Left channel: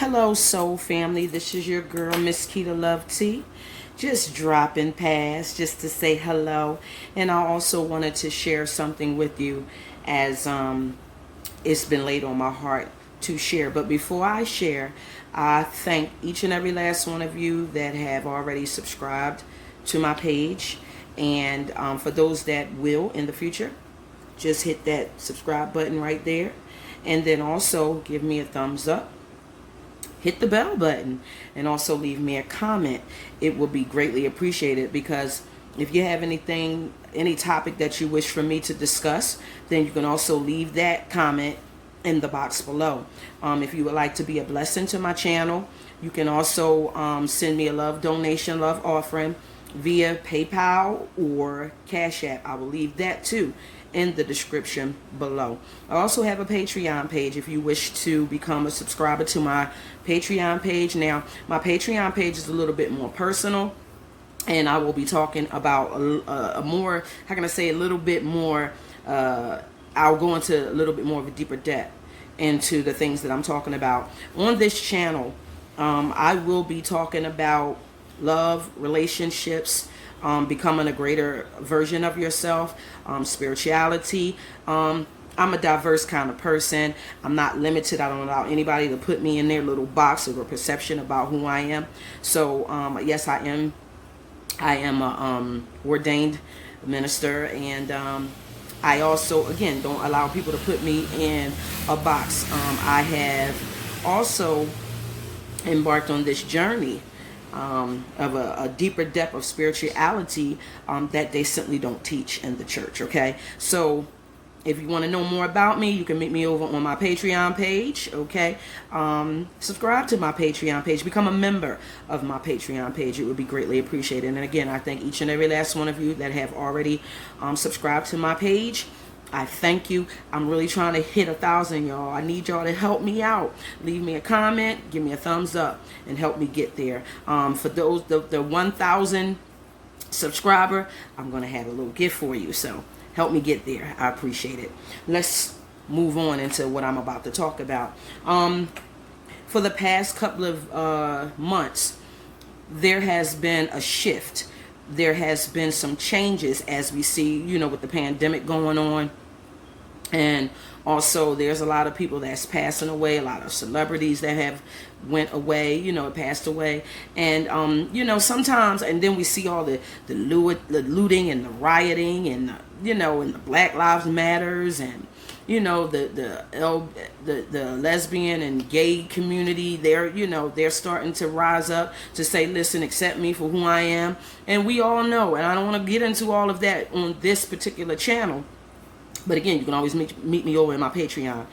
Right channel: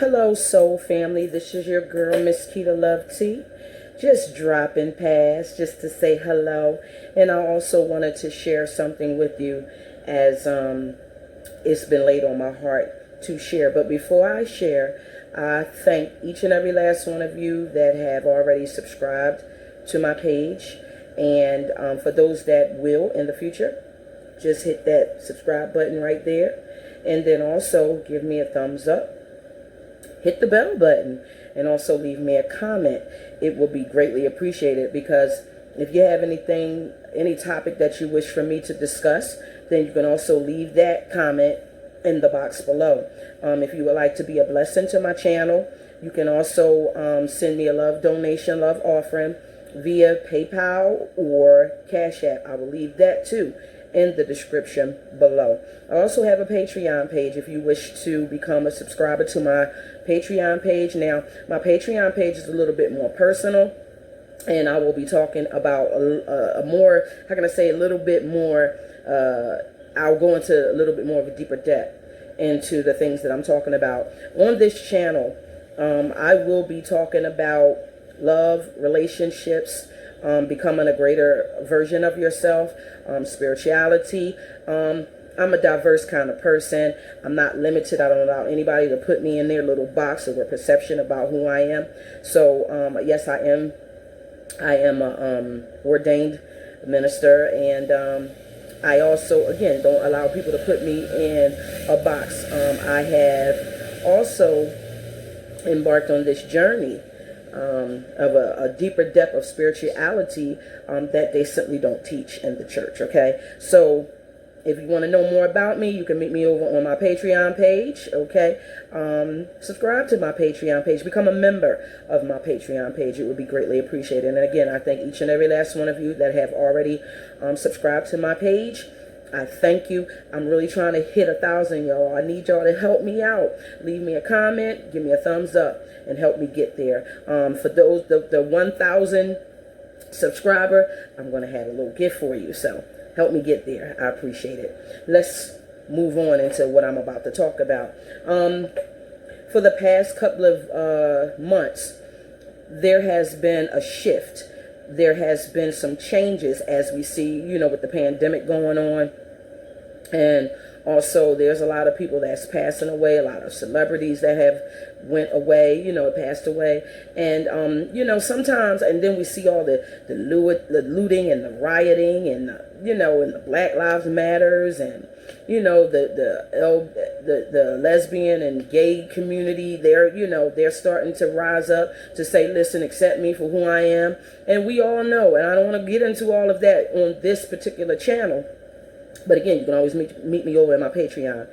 Hello, soul family. This is your girl, Miss Keita Love T. Just dropping past just to say hello. And I also wanted to share something with you as it's been laid on my heart to share. But before I share, I thank each and every last one of you that have already subscribed to my page. And for those that will in the future, just hit that subscribe button right there. And then also give me a thumbs up, hit the bell button, and also leave me a comment. It will be greatly appreciated, because if you have any topic that you wish for me to discuss, then you can also leave that comment in the box below. If you would like to be a blessing to my channel, you can also send me a love donation, love offering via PayPal or Cash App. I will leave that too in the description below. I also have a Patreon page if you wish to become a subscriber to my Patreon page. Now, my Patreon page is a little bit more personal, and I will be talking about a more, how can I say, a little bit more, I'll go into a little bit more of a deeper depth into the things that I'm talking about. On this channel, I will be talking about love, relationships, becoming a greater version of yourself, spirituality. I'm a diverse kind of person. I'm not limited. I don't allow anybody to put me in their little box or perception about who I am. So yes, I am a ordained minister, and I also, again, don't allow people to put me in a box. I have also embarked on this journey of a deeper depth of spirituality that they simply don't teach in the church. Okay, so if you want to know more about me, you can meet me over on my Patreon page. Okay, subscribe to my Patreon page, become a member of my Patreon page. It would be greatly appreciated. And again, I thank each and every last one of you that have already subscribed to my page. I thank you. I'm really trying to hit 1,000, y'all. I need y'all to help me out. Leave me a comment, give me a thumbs up, and help me get there. For those, the 1,000 subscriber, I'm going to have a little gift for you. So help me get there. I appreciate it. Let's move on into what I'm about to talk about. For the past couple of months, there has been a shift. There has been some changes, as we see, with the pandemic going on. And also there's a lot of people that's passing away, a lot of celebrities that have went away, passed away. And, sometimes, and then we see all the looting and the rioting and, and the Black Lives Matters, and, the lesbian and gay community, they're starting to rise up to say, listen, accept me for who I am. And we all know, and I don't want to get into all of that on this particular channel, but again, you can always meet me over in my Patreon.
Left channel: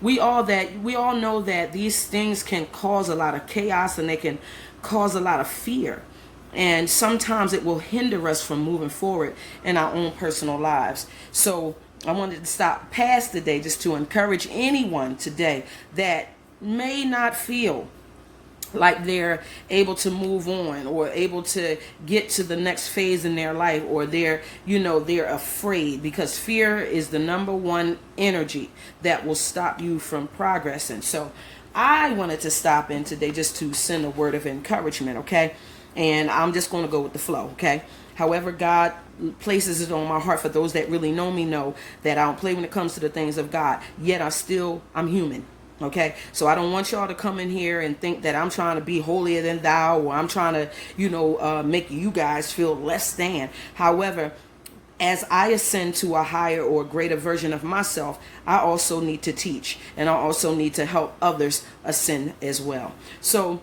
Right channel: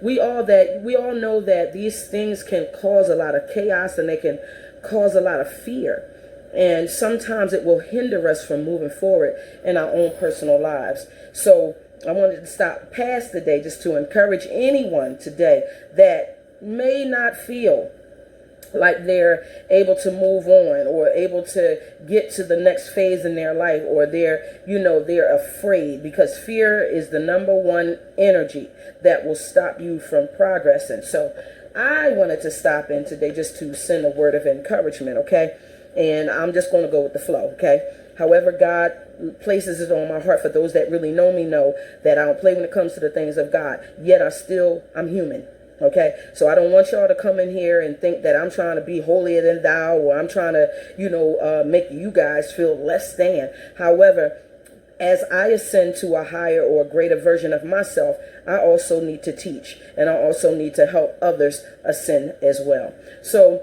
We all know that these things can cause a lot of chaos, and they can cause a lot of fear. And sometimes it will hinder us from moving forward in our own personal lives. So I wanted to stop past today just to encourage anyone today that may not feel like they're able to move on or able to get to the next phase in their life, or they're afraid, because fear is the #1 energy that will stop you from progressing. So I wanted to stop in today just to send a word of encouragement, okay? And I'm just going to go with the flow, okay? However God places it on my heart. For those that really know me know that I don't play when it comes to the things of God, yet I'm human. Okay, so I don't want y'all to come in here and think that I'm trying to be holier than thou, or I'm trying to, make you guys feel less than. However, as I ascend to a higher or a greater version of myself, I also need to teach, and I also need to help others ascend as well. So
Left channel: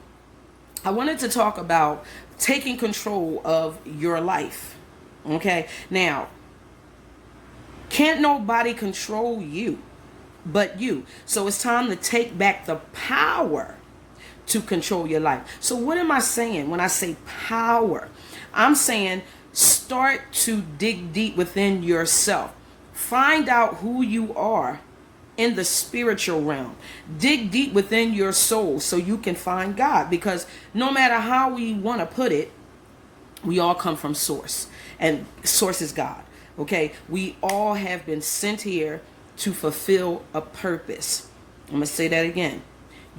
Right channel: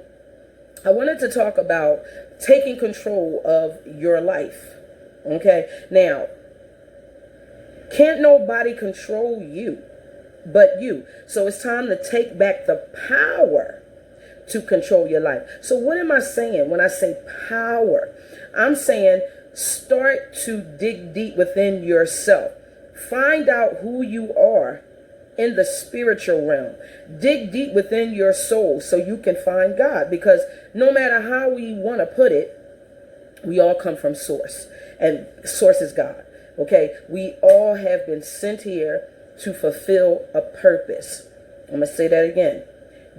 I wanted to talk about taking control of your life. Okay, now, can't nobody control you but you. So it's time to take back the power to control your life. So what am I saying when I say power? I'm saying start to dig deep within yourself. Find out who you are in the spiritual realm. Dig deep within your soul so you can find God, because no matter how we want to put it, we all come from source, and source is God. Okay, we all have been sent here to fulfill a purpose. I'm going to say that again.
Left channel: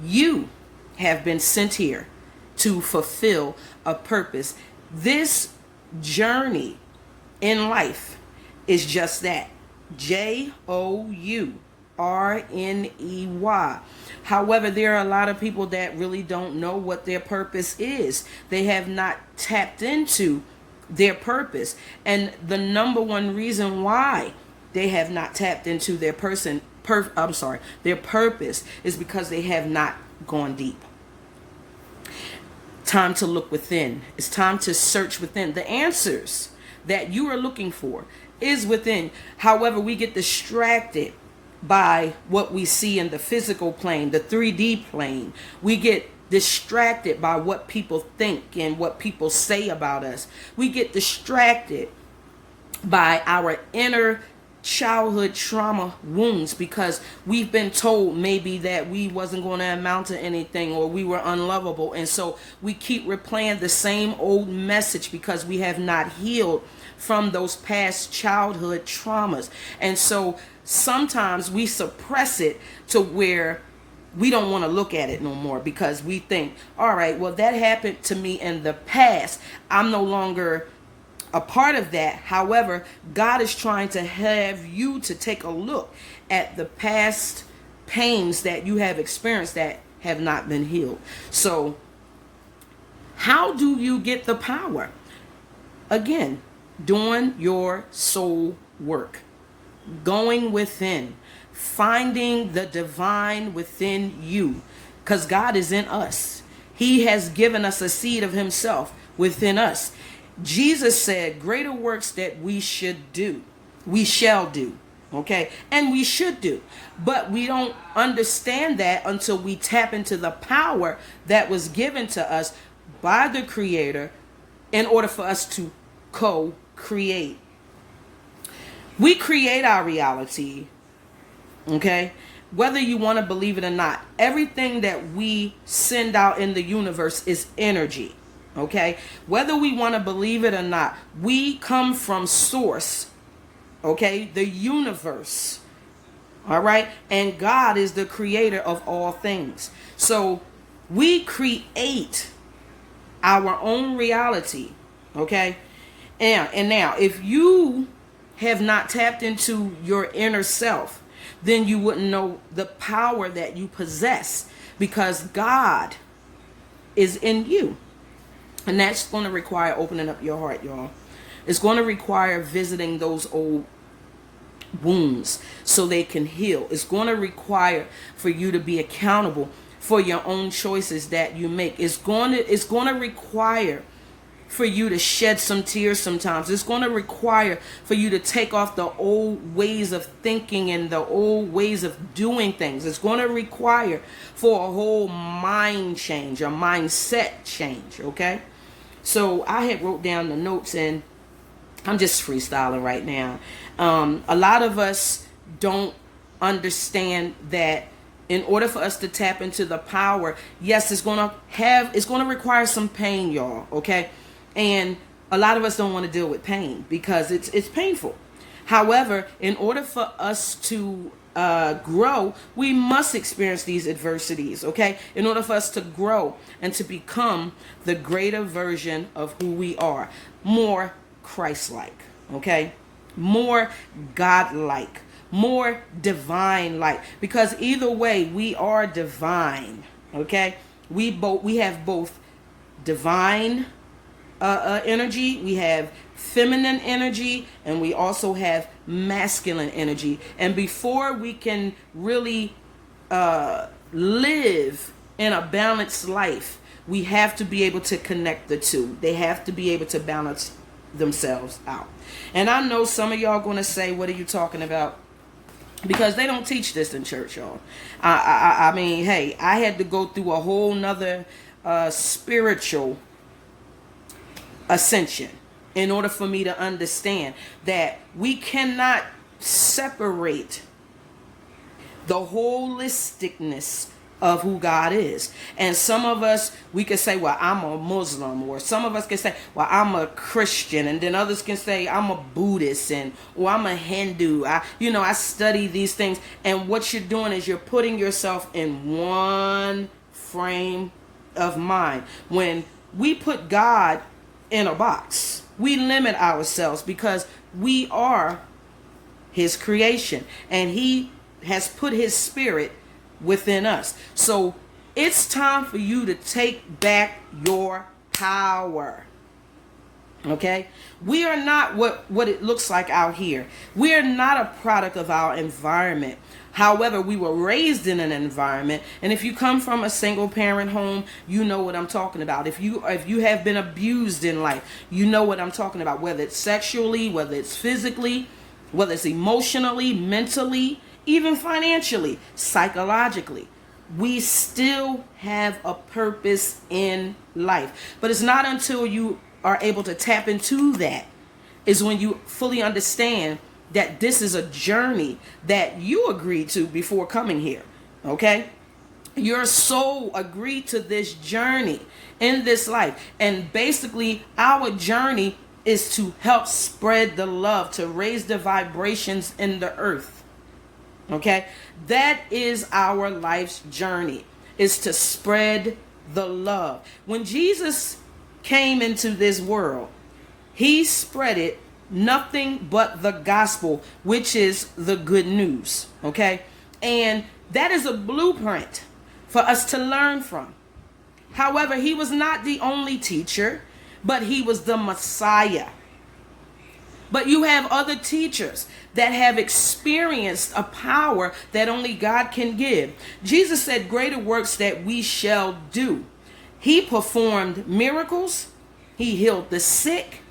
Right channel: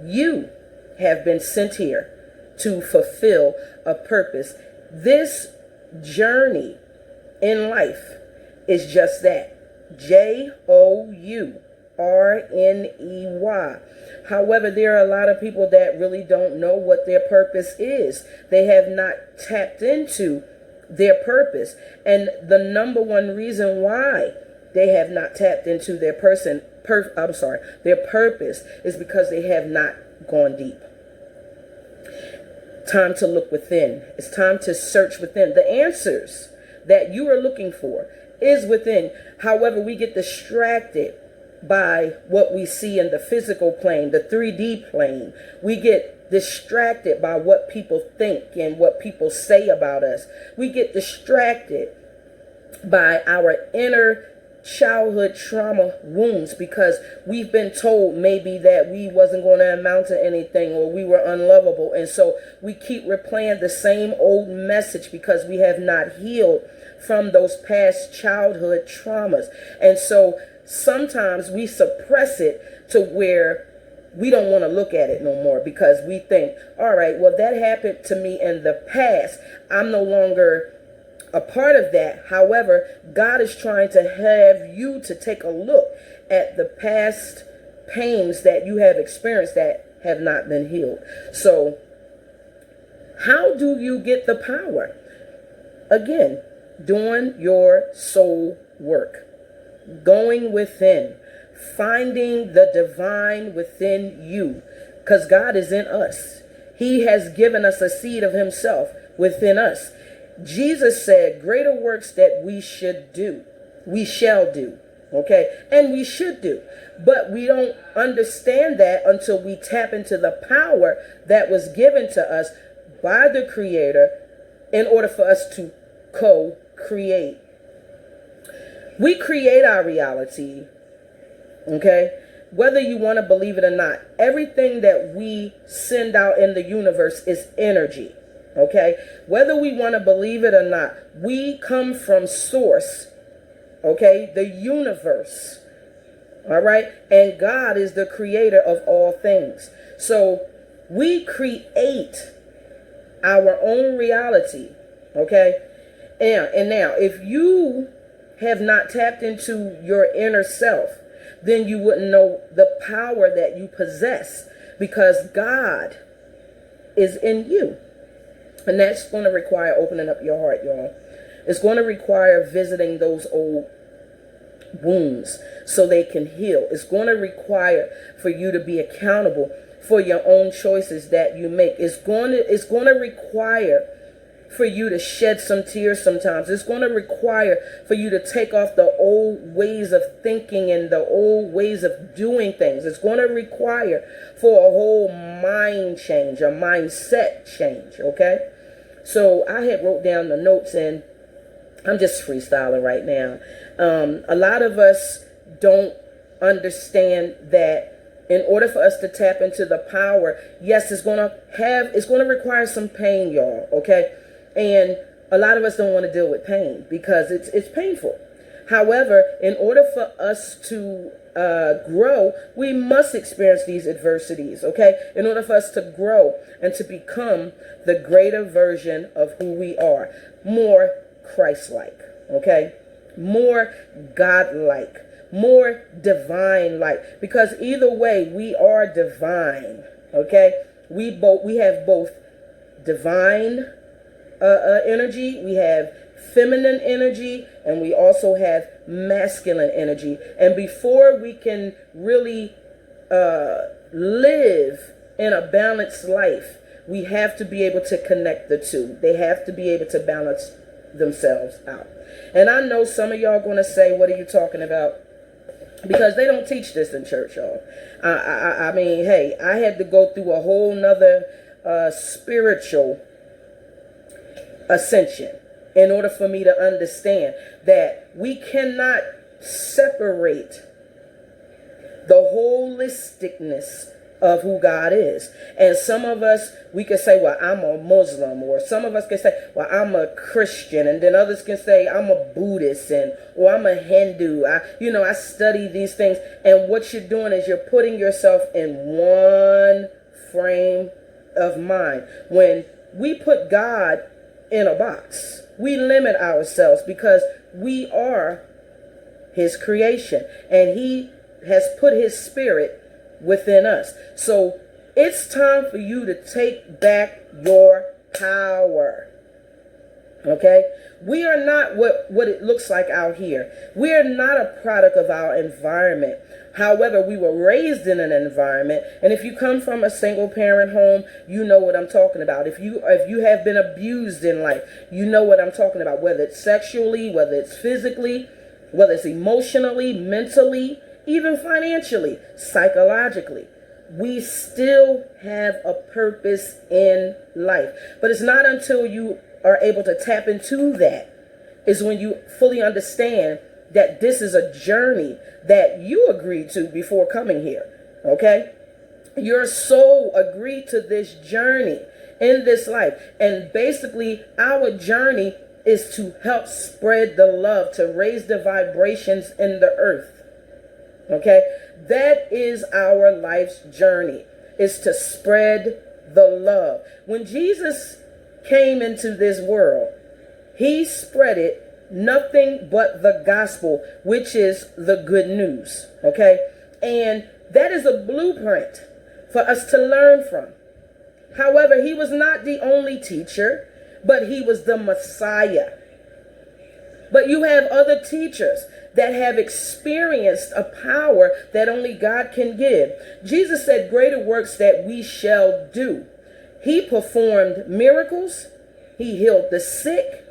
You have been sent here to fulfill a purpose. This journey in life is just that. Journey. However, there are a lot of people that really don't know what their purpose is. They have not tapped into their purpose. And the number one reason why they have not tapped into their their purpose is because they have not gone deep. Time to look within. It's time to search within. The answers that you are looking for is within. However, we get distracted by what we see in the physical plane, the 3D plane. We get distracted by what people think and what people say about us. We get distracted by our inner childhood trauma wounds because we've been told maybe that we wasn't going to amount to anything or we were unlovable, and so we keep replaying the same old message because we have not healed from those past childhood traumas. And so sometimes we suppress it to where we don't want to look at it no more because we think, all right, well, that happened to me in the past. I'm no longer a part of that. However, God is trying to have you to take a look at the past pains that you have experienced that have not been healed. So how do you get the power? Again, doing your soul work, going within, finding the divine within you, because God is in us. He has given us a seed of himself within us. Jesus said, greater works that we should do, we shall do. Okay. And we should do, but we don't understand that until we tap into the power that was given to us by the Creator in order for us to co-create. We create our reality. Okay. Whether you want to believe it or not, everything that we send out in the universe is energy. Okay, whether we want to believe it or not, we come from source. Okay, the universe. All right, and God is the creator of all things. So we create our own reality. Okay, and now if you have not tapped into your inner self, then you wouldn't know the power that you possess because God is in you. And that's going to require opening up your heart, y'all. It's going to require visiting those old wounds so they can heal. It's going to require for you to be accountable for your own choices that you make. It's going to require for you to shed some tears sometimes. It's going to require for you to take off the old ways of thinking and the old ways of doing things. It's going to require for a whole mind change, a mindset change, okay? So I had wrote down the notes and I'm just freestyling right now. A lot of us don't understand that in order for us to tap into the power, yes, it's going to require some pain, y'all, okay? And a lot of us don't want to deal with pain because it's painful. However, in order for us to grow, we must experience these adversities, okay? In order for us to grow and to become the greater version of who we are, more Christ-like, okay? More God-like, more divine-like, because either way, we are divine, okay? We have both divine energy, we have feminine energy, and we also have masculine energy. And before we can really live in a balanced life, we have to be able to connect the two. They have to be able to balance themselves out. And I know some of y'all going to say, what are you talking about? Because they don't teach this in church, y'all. I mean, hey, I had to go through a whole nother spiritual ascension in order for me to understand that we cannot separate the holisticness of who God is. And some of us, we can say, well, I'm a Muslim, or some of us can say, well, I'm a Christian, and then others can say, I'm a Buddhist, or I'm a Hindu. I study these things. And what you're doing is you're putting yourself in one frame of mind. When we put God in a box, we limit ourselves because we are his creation, and he has put his spirit within us. So it's time for you to take back your power. Okay? We are not what it looks like out here. We are not a product of our environment. However, we were raised in an environment, and if you come from a single parent home, you know what I'm talking about. If you have been abused in life, you know what I'm talking about, whether it's sexually, whether it's physically, whether it's emotionally, mentally, even financially, psychologically. We still have a purpose in life. But it's not until you are able to tap into that is when you fully understand that this is a journey that you agreed to before coming here. Okay? Your soul agreed to this journey in this life. And basically, our journey is to help spread the love, to raise the vibrations in the earth. Okay? That is our life's journey, is to spread the love. When Jesus came into this world, he spread it nothing but the gospel, which is the good news. Okay? And that is a blueprint for us to learn from. However, he was not the only teacher, but he was the Messiah. But you have other teachers that have experienced a power that only God can give. Jesus said, greater works that we shall do. He performed miracles. He healed the sick.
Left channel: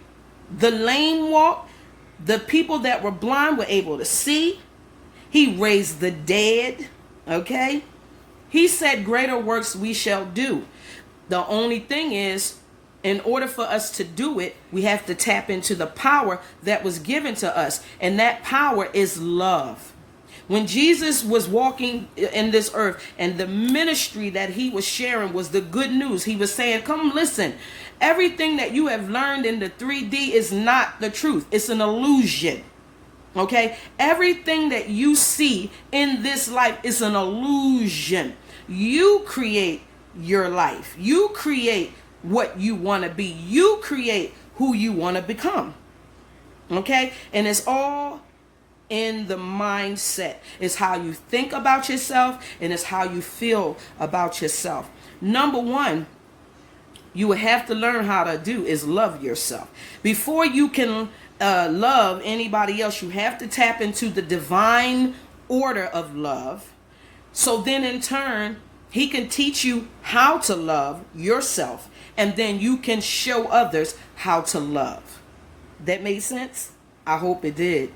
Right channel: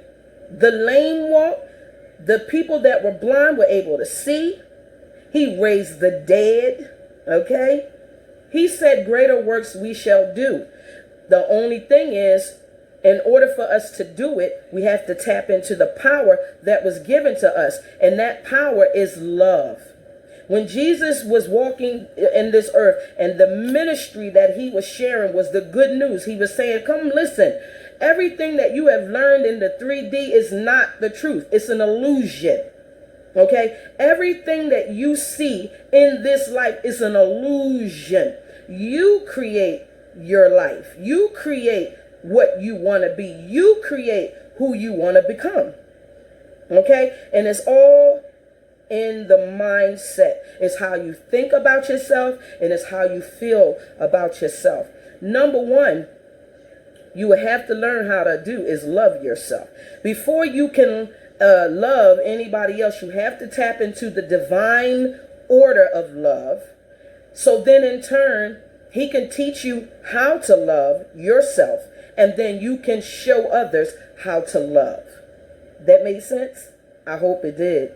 The lame walked. The people that were blind were able to see. He raised the dead. Okay? He said, greater works we shall do. The only thing is, in order for us to do it, we have to tap into the power that was given to us. And that power is love. When Jesus was walking in this earth, and the ministry that he was sharing was the good news, he was saying, come listen. Everything that you have learned in the 3D is not the truth. It's an illusion. Okay? Everything that you see in this life is an illusion. You create your life. You create what you want to be. You create who you want to become. Okay? And it's all in the mindset. It's how you think about yourself, and it's how you feel about yourself. Number one, you would have to learn how to do is love yourself. Before you can love anybody else, you have to tap into the divine order of love. So then in turn, he can teach you how to love yourself, and then you can show others how to love. That made sense? I hope it did.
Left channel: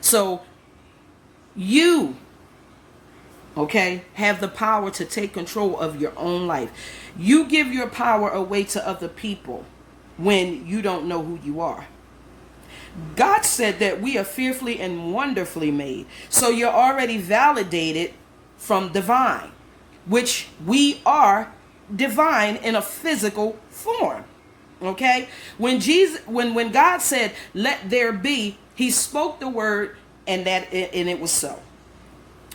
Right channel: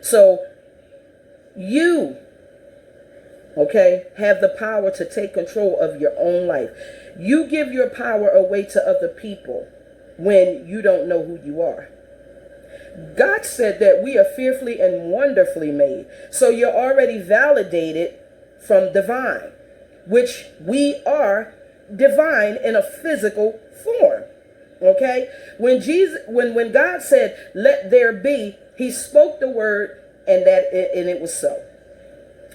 So you, okay, have the power to take control of your own life. You give your power away to other people when you don't know who you are. God said that we are fearfully and wonderfully made. So you're already validated from divine, which we are divine in a physical form. Okay? When God said, let there be, he spoke the word, and it was so.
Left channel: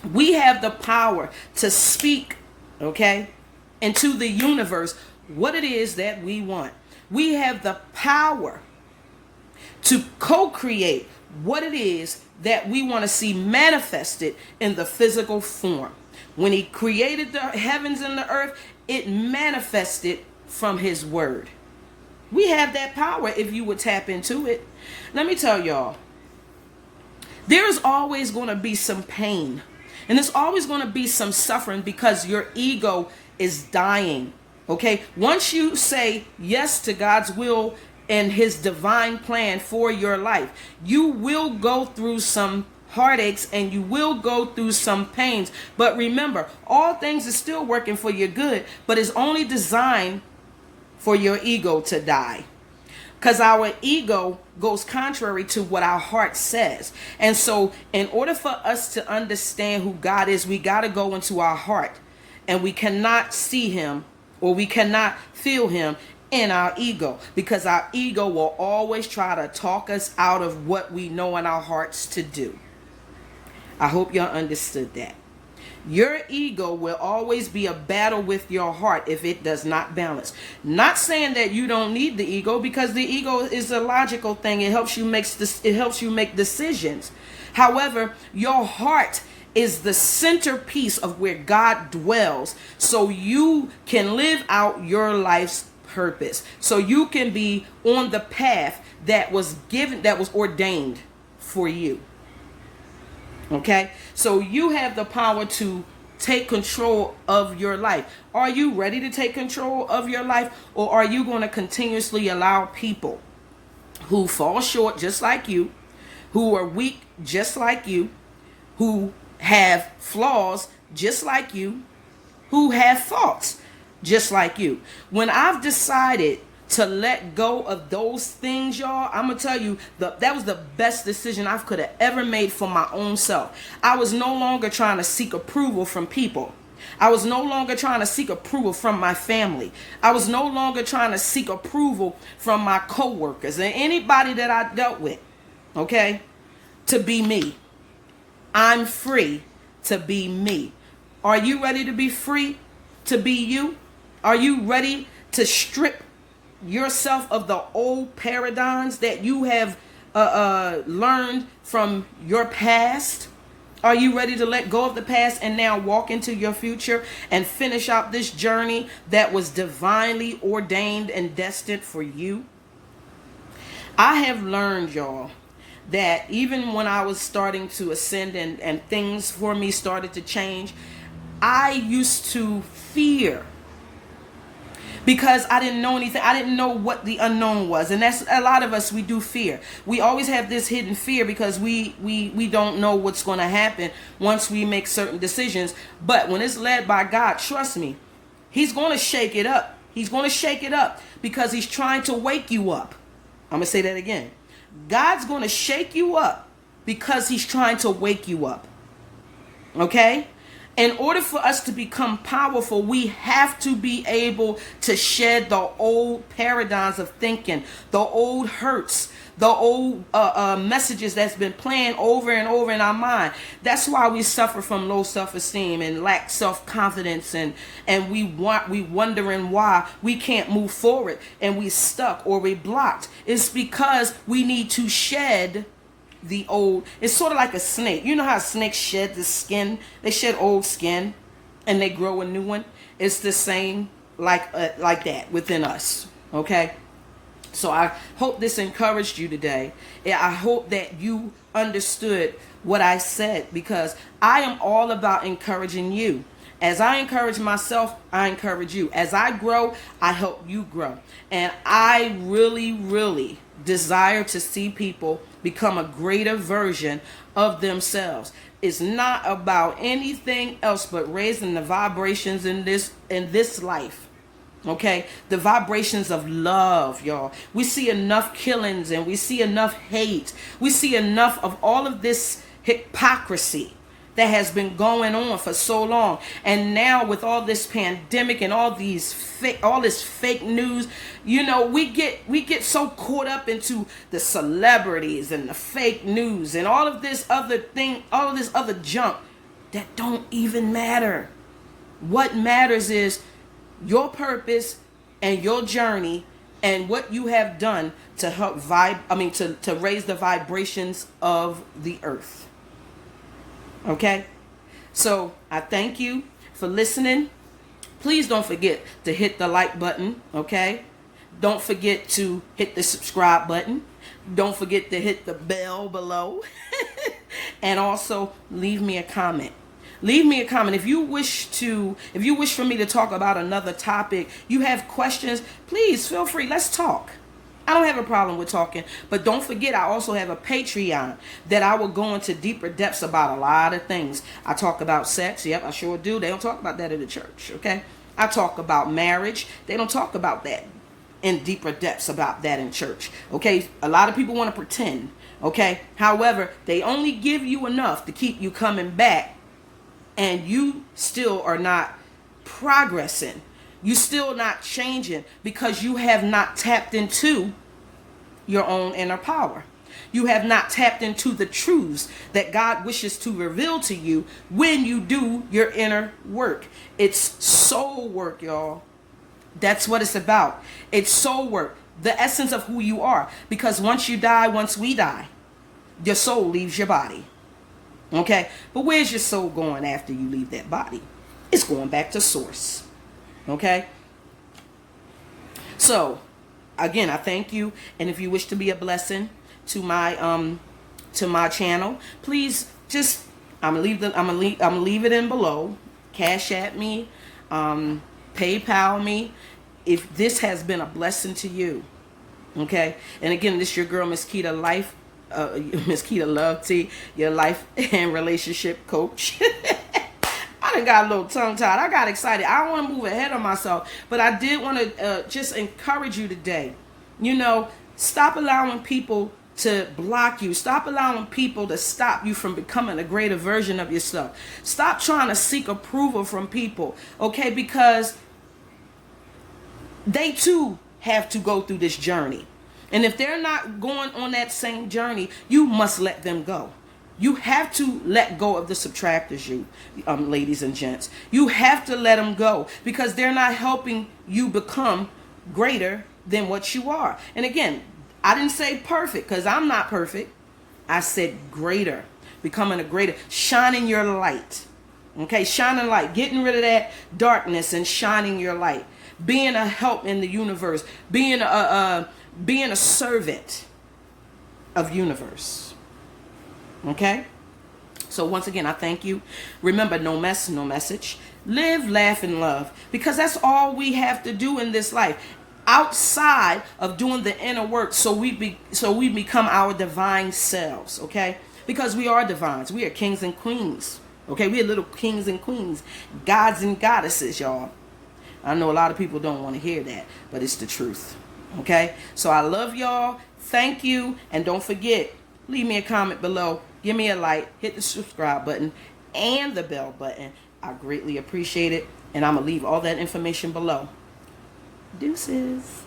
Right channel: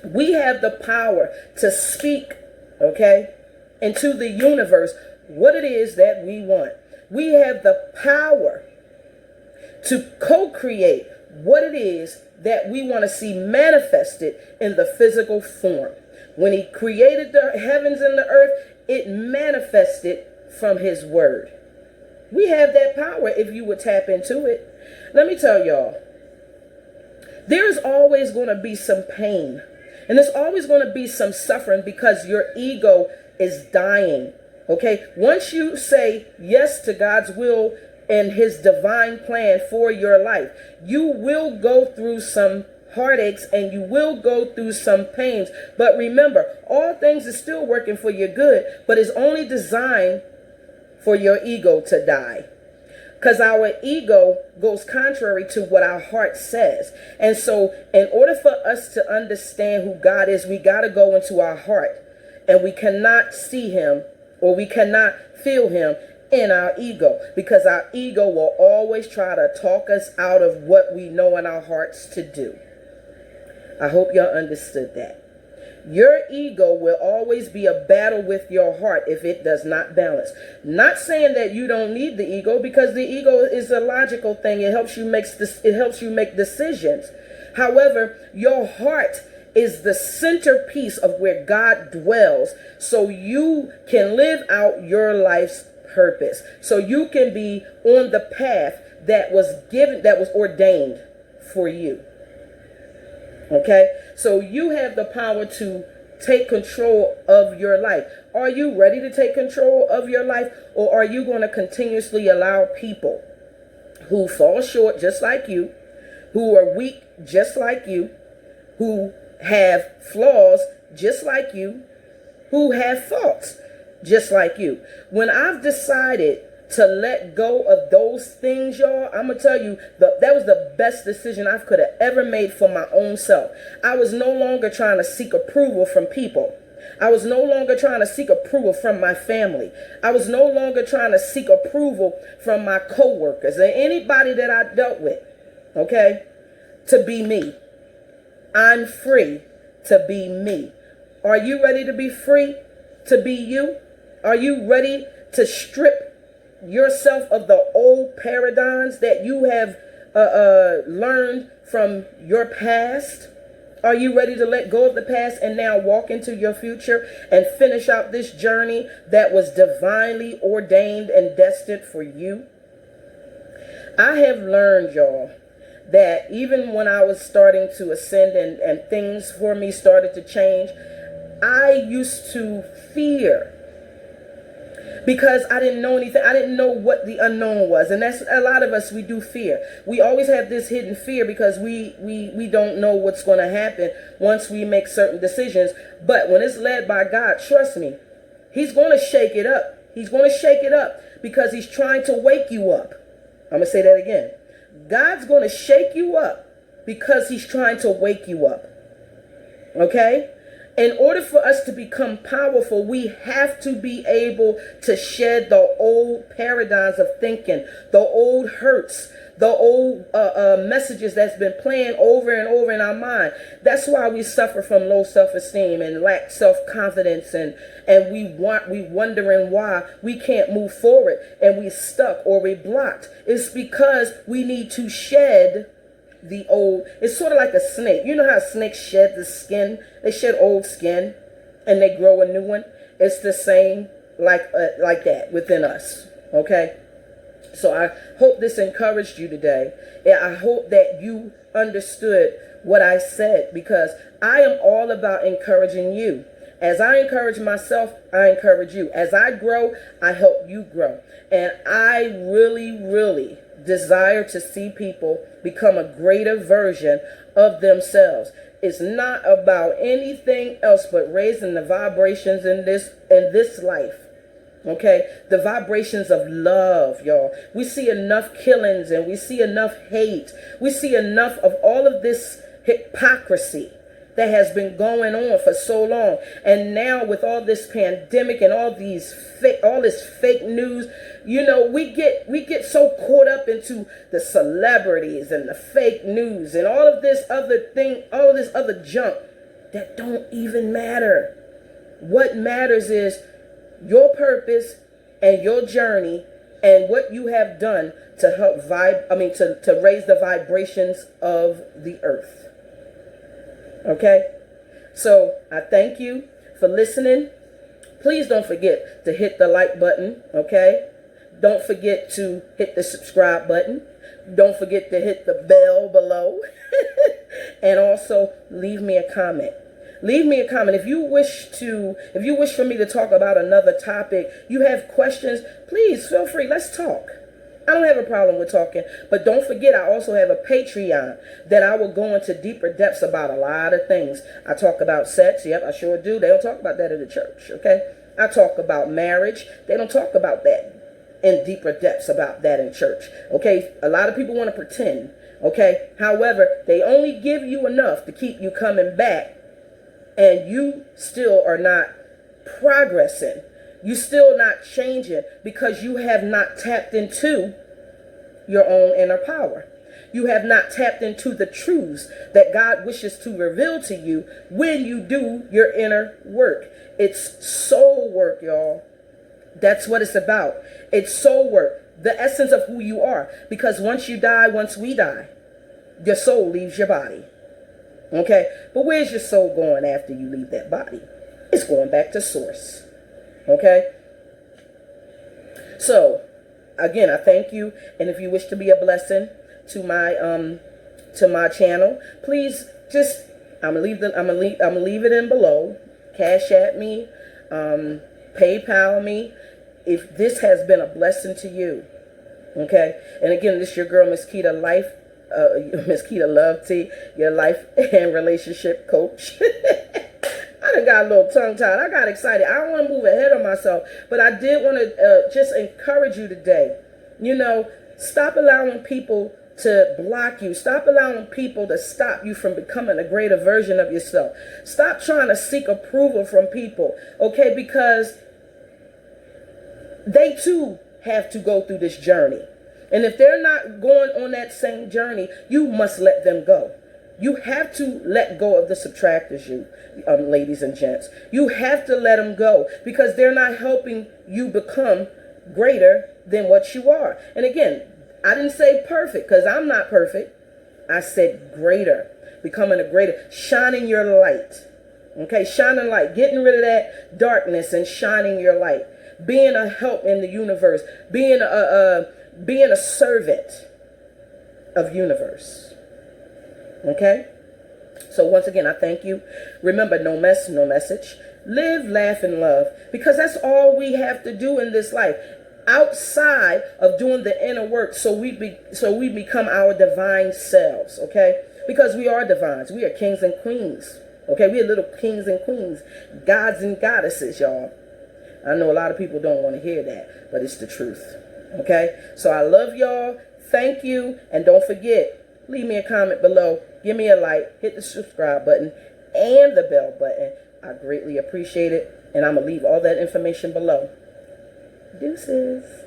We have the power to speak, okay, into the universe what it is that we want. We have the power to co-create what it is that we want to see manifested in the physical form. When he created the heavens and the earth, it manifested from his word. We have that power if you would tap into it. Let me tell y'all, there is always going to be some pain, and there's always going to be some suffering because your ego is dying. Okay? Once you say yes to God's will and his divine plan for your life, you will go through some heartaches and you will go through some pains. But remember, all things are still working for your good, but it's only designed for your ego to die. Because our ego goes contrary to what our heart says. And so in order for us to understand who God is, we got to go into our heart And we cannot see him, or we cannot feel him in our ego, because our ego will always try to talk us out of what we know in our hearts to do. I hope y'all understood that. Your ego will always be a battle with your heart if it does not balance. Not saying that you don't need the ego, because the ego is a logical thing. It helps you make decisions. However, your heart is the centerpiece of where God dwells, so you can live out your life's purpose. So you can be on the path that was ordained for you. Okay, so you have the power to take control of your life. Are you ready to take control of your life, or are you going to continuously allow people who fall short just like you, who are weak just like you, who have flaws just like you, who have faults just like you? When I've decided to let go of those things, y'all, I'm gonna tell you that was the best decision I could have ever made for my own self. I was no longer trying to seek approval from people. I was no longer trying to seek approval from my family. I was no longer trying to seek approval from my coworkers and anybody that I dealt with, okay, to be me. I'm free to be me. Are you ready to be free to be you? Are you ready to strip yourself of the old paradigms that you have learned from your past? Are you ready to let go of the past and now walk into your future and finish out this journey that was divinely ordained and destined for you? I have learned, y'all, that even when I was starting to ascend and things for me started to change, I used to fear, because I didn't know anything. I didn't know what the unknown was. And that's a lot of us, we do fear. We always have this hidden fear because we don't know what's going to happen once we make certain decisions. But when it's led by God, trust me, he's going to shake it up. He's going to shake it up because he's trying to wake you up. I'm going to say that again. God's going to shake you up because he's trying to wake you up. Okay? In order for us to become powerful, we have to be able to shed the old paradigms of thinking, the old hurts, the old messages that's been playing over and over in our mind. That's why we suffer from low self-esteem and lack self-confidence, and we wondering why we can't move forward and we stuck or we blocked. It's because we need to shed the old. It's sort of like a snake. You know how snakes shed the skin? They shed old skin and they grow a new one. It's the same like that within us. Okay, so I hope this encouraged you today. I hope that you understood what I said, because I am all about encouraging you. As I encourage myself, I encourage you. As I grow, I help you grow. And I really, really desire to see people become a greater version of themselves. It's not about anything else but raising the vibrations in this life. Okay, the vibrations of love, y'all. We see enough killings and we see enough hate. We see enough of all of this hypocrisy that has been going on for so long. And now with all this pandemic and all this fake news, you know, we get so caught up into the celebrities and the fake news and all of this other thing, all of this other junk that don't even matter. What matters is your purpose and your journey and what you have done to help to raise the vibrations of the earth. Okay, so I thank you for listening. Please don't forget to hit the like button. Okay, don't forget to hit the subscribe button. Don't forget to hit the bell below. And also leave me a comment. Leave me a comment. If you wish for me to talk about another topic, you have questions, please feel free. Let's talk. I don't have a problem with talking, but don't forget, I also have a Patreon that I will go into deeper depths about a lot of things. I talk about sex. Yep, I sure do. They don't talk about that in the church, okay? I talk about marriage. They don't talk about that in deeper depths about that in church, okay? A lot of people want to pretend, okay? However, they only give you enough to keep you coming back, and you still are not progressing. You still not changing because you have not tapped into your own inner power. You have not tapped into the truths that God wishes to reveal to you when you do your inner work. It's soul work, y'all. That's what it's about. It's soul work, the essence of who you are. Because once you die, once we die, your soul leaves your body. Okay? But where's your soul going after you leave that body? It's going back to source. Okay? So, again, I thank you. And if you wish to be a blessing to my channel, please just, I'm gonna leave it in below. Cash at me, PayPal me, if this has been a blessing to you. Okay? And again, this is your girl, Miss Keita Life, Miss Keita Love T, your life and relationship coach. I done got a little tongue-tied. I got excited. I don't want to move ahead of myself, but I did want to just encourage you today. You know, stop allowing people to block you. Stop allowing people to stop you from becoming a greater version of yourself. Stop trying to seek approval from people, okay? Because they too have to go through this journey. And if they're not going on that same journey, you must let them go. You have to let go of the subtractors, you ladies and gents. You have to let them go because they're not helping you become greater than what you are. And again, I didn't say perfect because I'm not perfect. I said greater, becoming a greater, shining your light. Okay, shining light, getting rid of that darkness and shining your light. Being a help in the universe, being a servant of universe. Okay? So once again, I thank you. Remember, no mess, no message. Live, laugh, and love. Because that's all we have to do in this life. Outside of doing the inner work so we become our divine selves. Okay? Because we are divines. We are kings and queens. Okay? We are little kings and queens. Gods and goddesses, y'all. I know a lot of people don't want to hear that. But it's the truth. Okay? So I love y'all. Thank you. And don't forget, leave me a comment below. Give me a like. Hit the subscribe button and the bell button. I greatly appreciate it. And I'm going to leave all that information below. Deuces.